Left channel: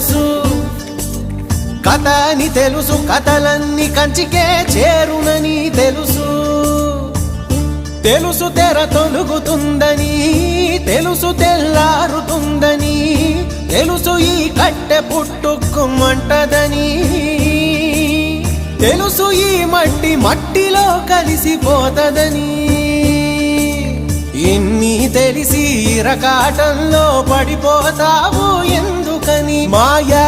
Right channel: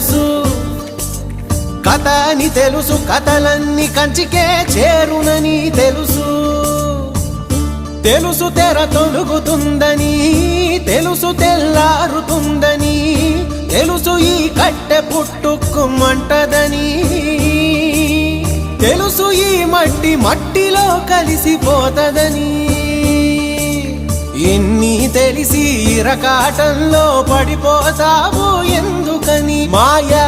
తెలుసు, కథ అని తెలుసు, కథలన్నీ కంచికే చేరునని తెలుసు. తెలుసు తెర తొలుగుతుందని, తెలుసు తెల్లారుతుందని, తెలుసు ఈ కట్టె పుట్టుకుమంటదని, తెలుసు ఈ మట్టి మట్టిలో కలిసిపోతదని. ఇన్ని తెలిసి ఇరకాటంలో పడిపోతావు ఎందుకని? మాయా